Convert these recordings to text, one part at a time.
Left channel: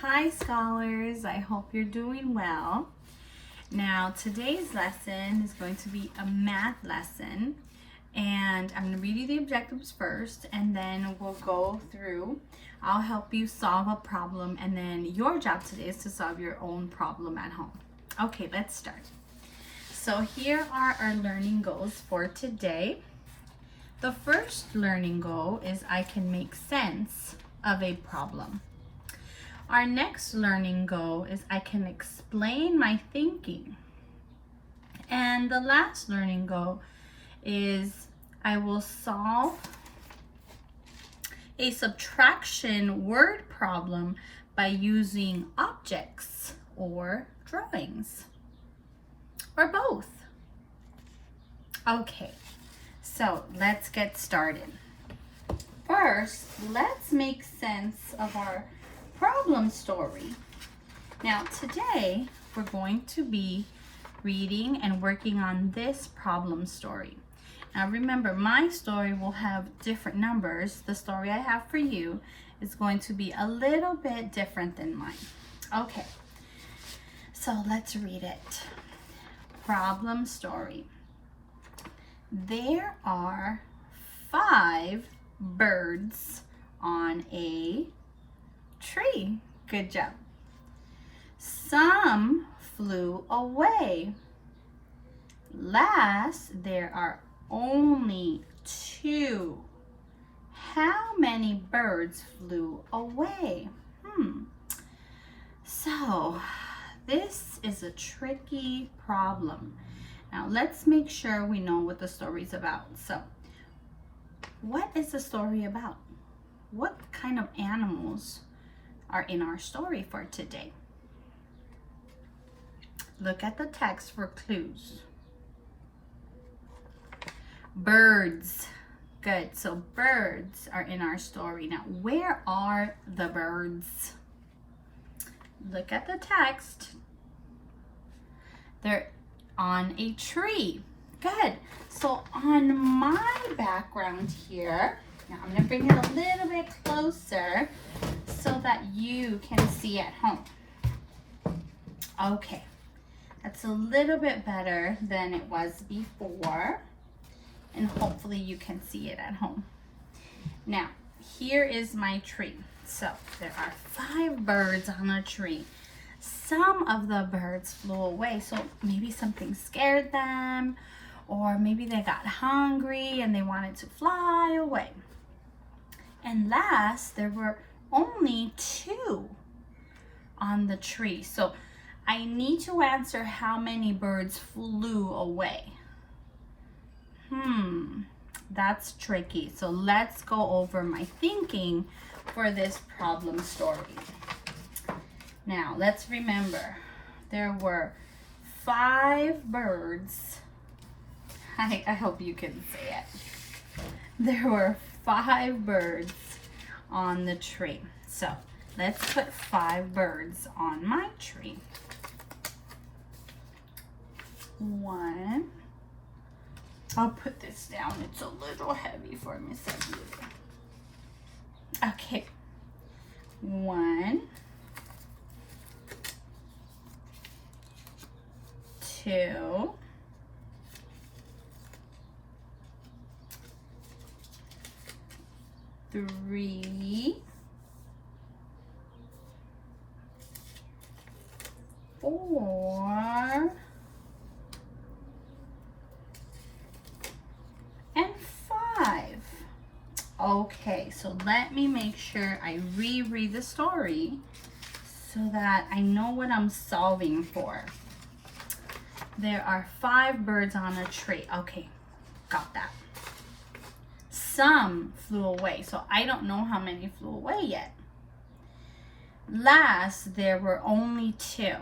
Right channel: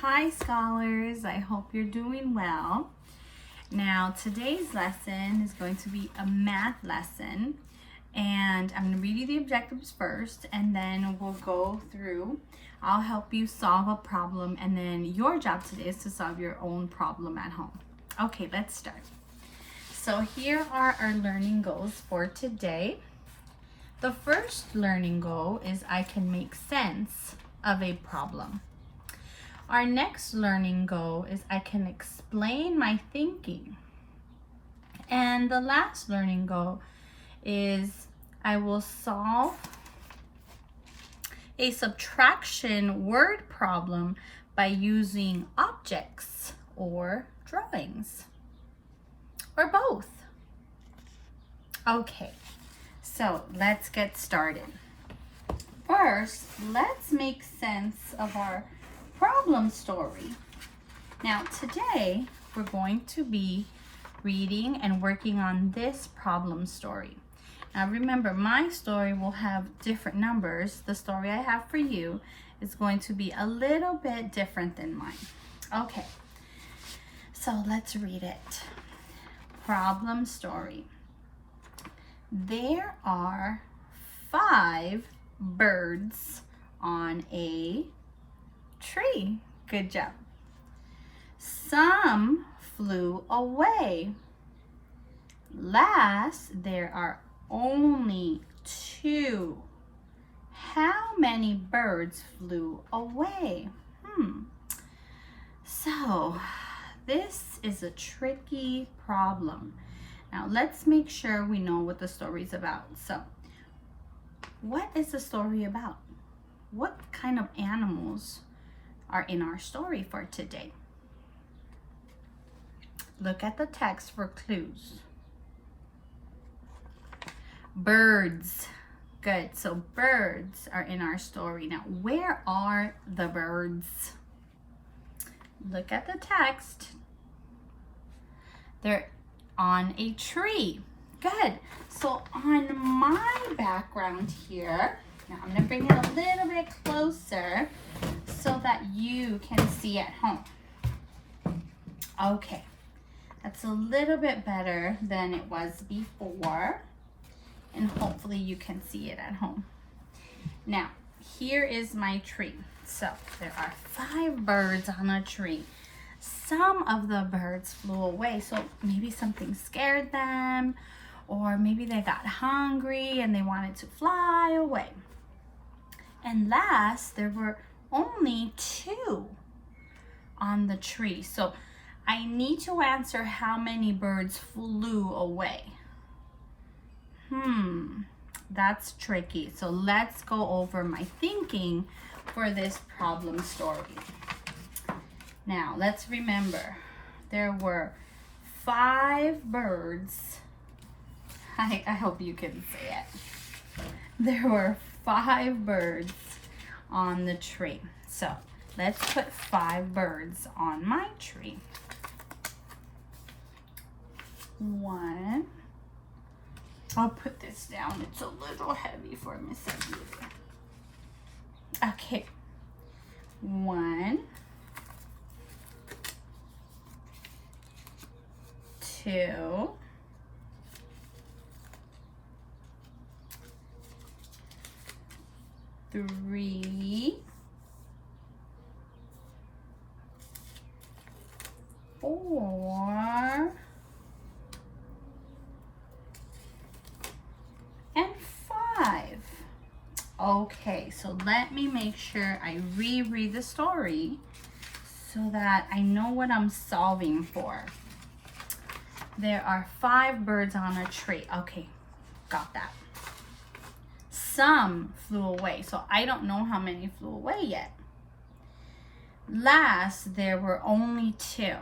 Hi scholars, I hope you're doing well. Now today's lesson is going to be a math lesson, and I'm going to read you the objectives first and then we'll go through. I'll help you solve a problem, and then your job today is to solve your own problem at home. Okay, let's start. So here are our learning goals for today. The first learning goal is I can make sense of a problem. Our next learning goal is I can explain my thinking. And the last learning goal is I will solve a subtraction word problem by using objects or drawings, or both. Okay, so let's get started. First, let's make sense of our problem story. Now today we're going to be reading and working on this problem story. Now remember, my story will have different numbers. The story I have for you is going to be a little bit different than mine. Okay, so let's read it. Problem story. There are 5 birds on a tree. Good job. Some flew away. Last, there are only 2. How many birds flew away? So, this is a tricky problem. Now, let's make sure we know what the story is about. So, what is the story about? What kind of animals are in our story for today? Look at the text for clues. Birds. Good. So birds are in our story. Now, where are the birds? Look at the text. They're on a tree. Good. So on my background here, now I'm going to bring it a little bit closer so that you can see at home. Okay, that's a little bit better than it was before, and hopefully you can see it at home. Now, here is my tree. So there are 5 birds on a tree. Some of the birds flew away, so maybe something scared them, or maybe they got hungry and they wanted to fly away. And last, there were only 2 on the tree. So I need to answer how many birds flew away. That's tricky. So let's go over my thinking for this problem story. Now, let's remember, there were 5 birds. I hope you can see it. There were 5 birds on the tree. So let's put 5 birds on my tree. 1. I'll put this down. It's a little heavy for Miss Aguirre. Okay. 1, 2, 3, 4, and 5. Okay, so let me make sure I reread the story so that I know what I'm solving for. There are 5 birds on a tree. Okay, got that. Some flew away, so I don't know how many flew away yet. Last, there were only 2.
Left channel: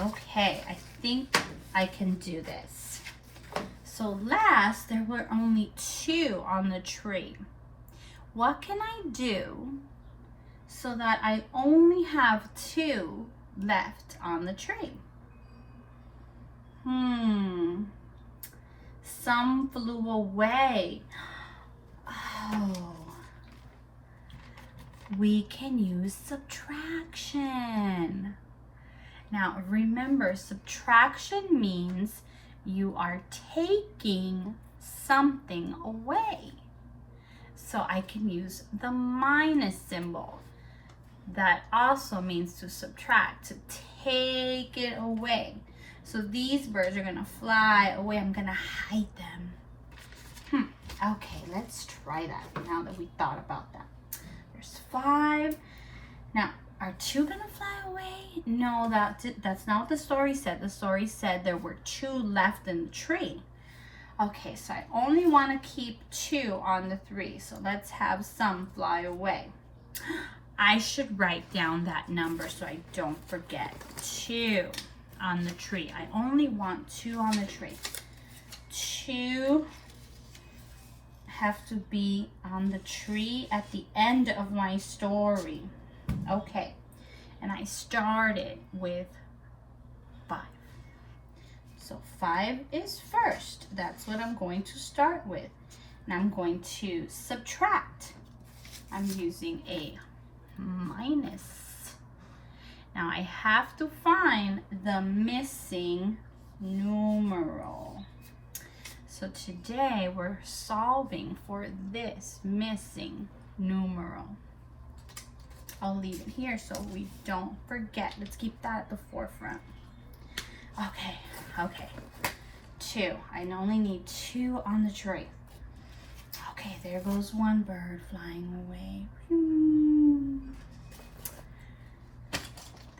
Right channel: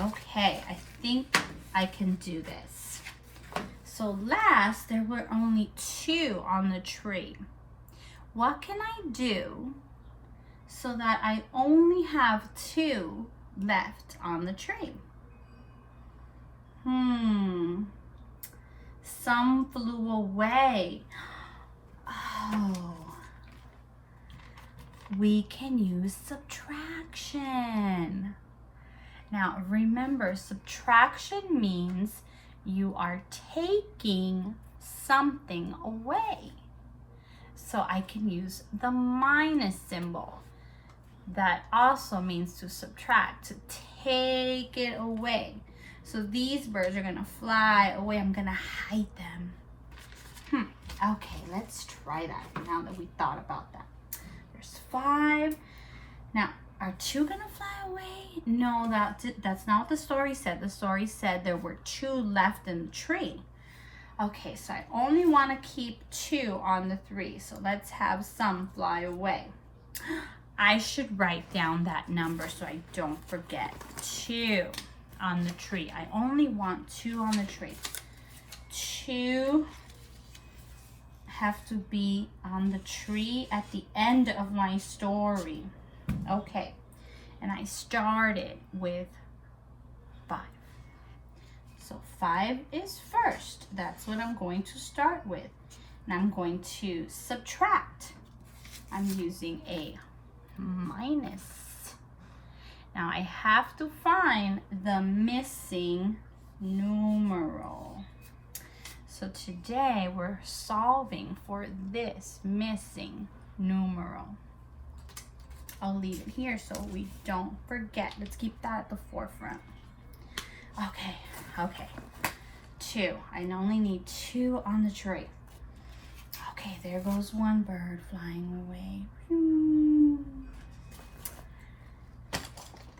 Okay, I think I can do this. So last, there were only 2 on the tree. What can I do so that I only have 2 left on the tree? Some flew away. Oh, we can use subtraction. Now remember, subtraction means you are taking something away. So I can use the minus symbol. That also means to subtract, to take it away. So these birds are gonna fly away. I'm gonna hide them. Okay, let's try that now that we thought about that. There's 5. Now, are 2 gonna fly away? No, that's not what the story said. The story said there were 2 left in the tree. Okay, so I only want to keep 2 on the 3. So let's have some fly away. I should write down that number so I don't forget. 2 on the tree. I only want 2 on the tree. 2 have to be on the tree at the end of my story. Okay, and I started with 5. So 5 is first. That's what I'm going to start with. And I'm going to subtract. I'm using a minus. Now I have to find the missing numeral. So today we're solving for this missing numeral. I'll leave it here so we don't forget. Let's keep that at the forefront. Okay. 2. I only need 2 on the tree. Okay, there goes one bird flying away.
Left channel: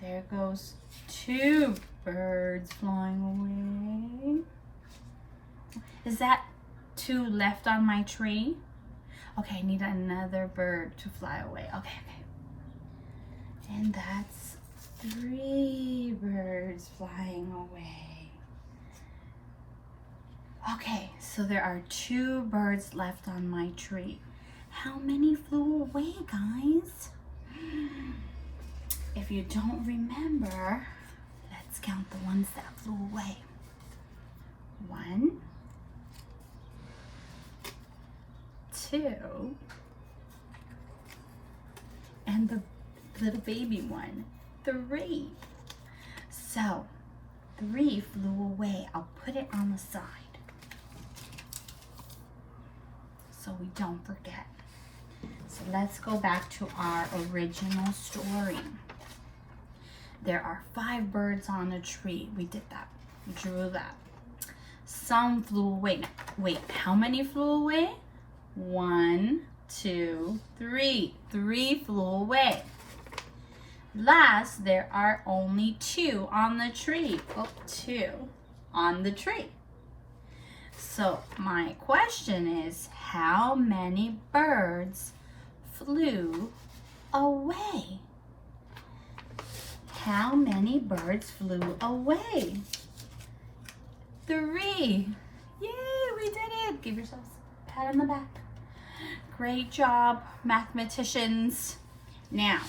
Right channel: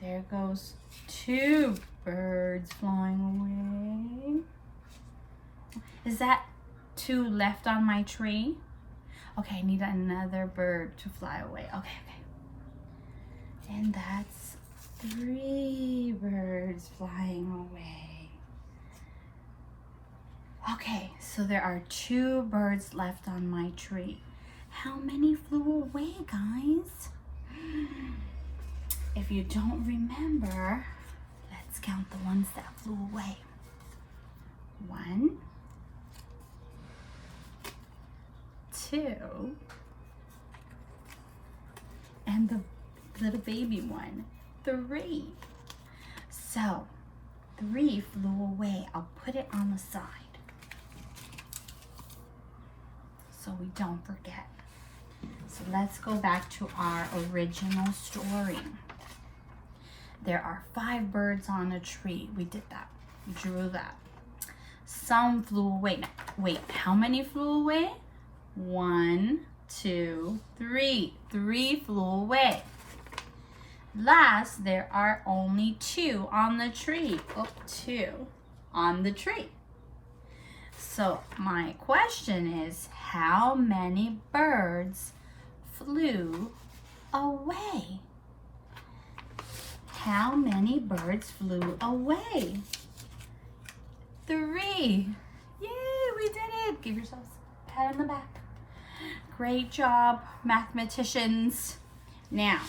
There goes 2 birds flying away. Is that 2 left on my tree? Okay, I need another bird to fly away. Okay. And that's 3 birds flying away. Okay, so there are 2 birds left on my tree. How many flew away, guys? If you don't remember, let's count the ones that flew away. 1, 2, and the little baby one, 3. So 3 flew away. I'll put it on the side so we don't forget. So let's go back to our original story. There are 5 birds on a tree. We did that. We drew that. Some flew away. Wait, how many flew away? 1, 2, 3. 3 flew away. Last, there are only 2 on the tree. 2 on the tree. So my question is, how many birds flew away? How many birds flew away? 3. Yay, we did it. Give yourselves a pat on the back. Great job, mathematicians. Now,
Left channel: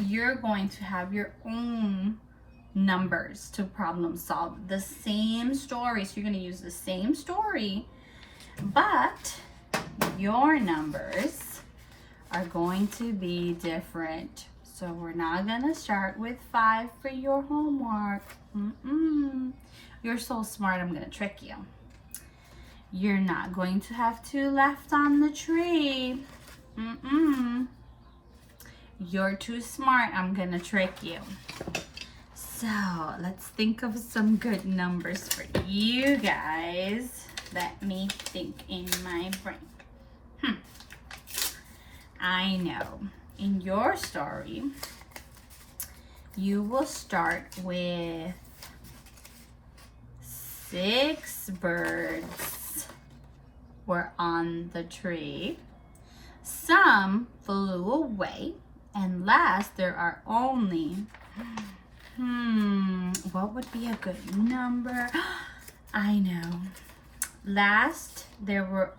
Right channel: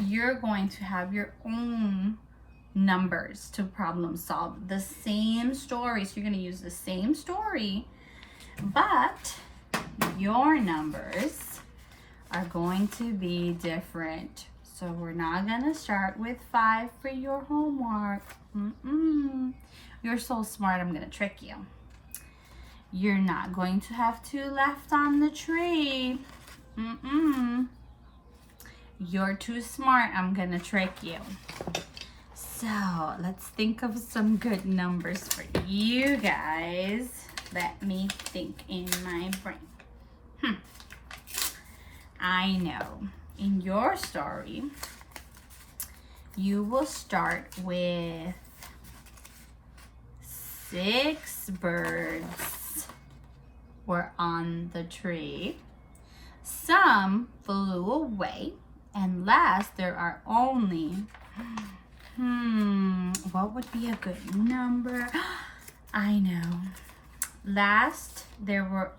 you're going to have your own numbers to problem solve. The same story, so you're going to use the same story, but your numbers are going to be different. So we're not going to start with 5 for your homework. You're so smart, I'm going to trick you. You're not going to have 2 left on the tree. You're too smart, I'm going to trick you. So let's think of some good numbers for you guys. Let me think in my brain. I know. In your story, you will start with 6 birds were on the tree. Some flew away. And last, there are only, what would be a good number? I know. Last, there were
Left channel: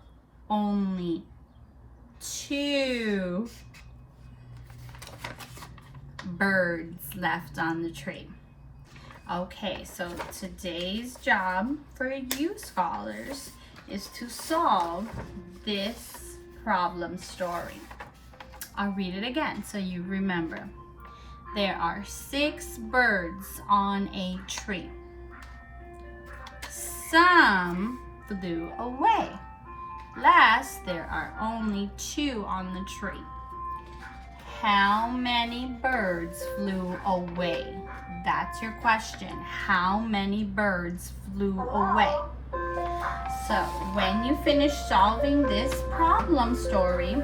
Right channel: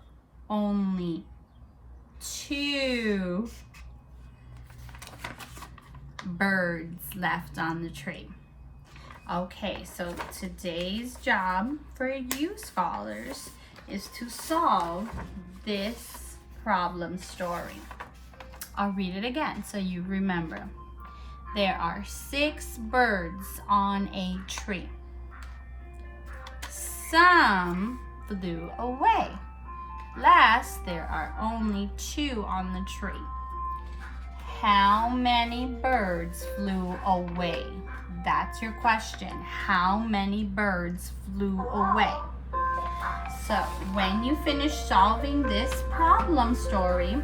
only 2 birds left on the tree. Okay, so today's job for you scholars is to solve this problem story. I'll read it again so you remember. There are 6 birds on a tree. Some flew away. Last, there are only 2 on the tree. How many birds flew away? That's your question. How many birds flew away? So when you finish solving this problem story,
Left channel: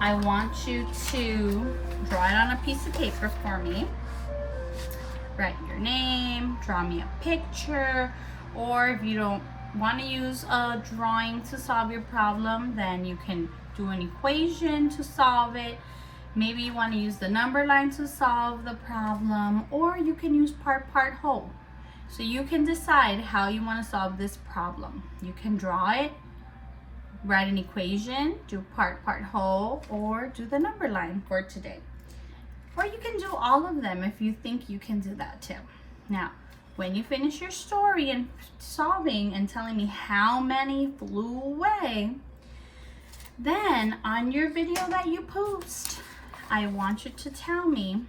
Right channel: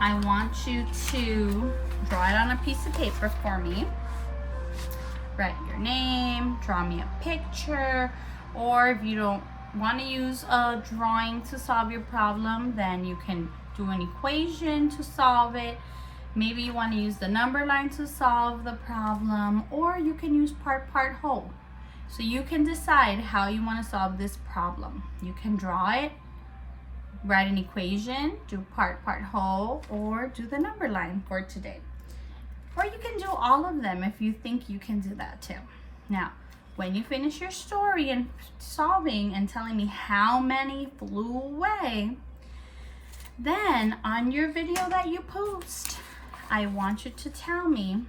I want you to draw it on a piece of paper for me. Write your name, draw me a picture, or if you don't want to use a drawing to solve your problem, then you can do an equation to solve it. Maybe you want to use the number line to solve the problem, or you can use part, whole. So you can decide how you want to solve this problem. You can draw it, write an equation, do part, whole, or do the number line for today. Or you can do all of them if you think you can do that too. Now, when you finish your story and solving and telling me how many flew away, then on your video that you post, I want you to tell me,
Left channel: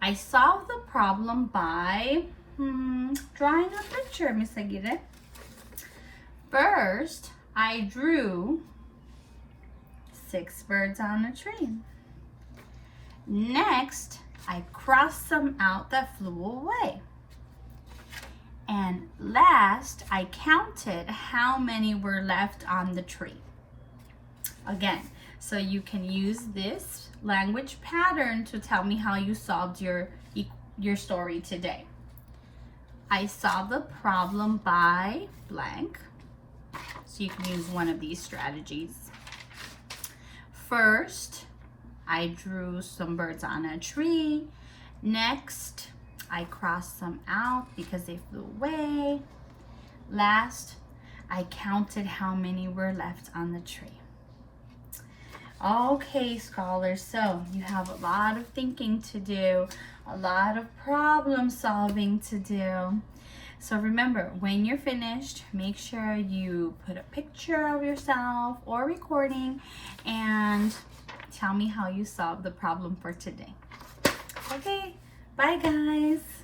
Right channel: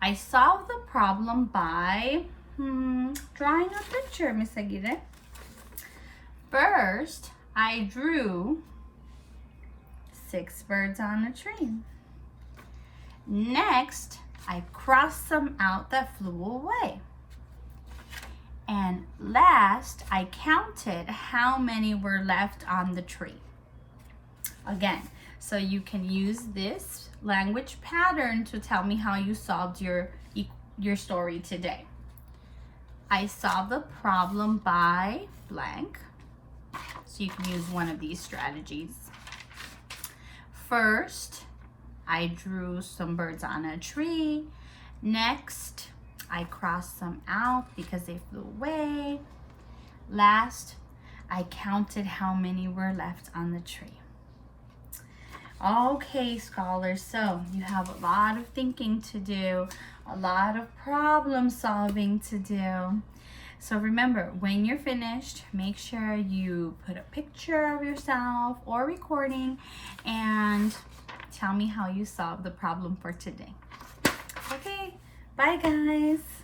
I solved the problem by drawing a picture, Miss Aguirre. First, I drew 6 birds on a tree. Next, I crossed some out that flew away. And last, I counted how many were left on the tree. Again, so you can use this language pattern to tell me how you solved your story today. I solved the problem by blank. So you can use one of these strategies. First, I drew some birds on a tree. Next, I crossed some out because they flew away. Last, I counted how many were left on the tree. Okay, scholars, so you have a lot of thinking to do, a lot of problem solving to do. So remember, when you're finished, make sure you put a picture of yourself or recording and tell me how you solved the problem for today. Okay, bye guys.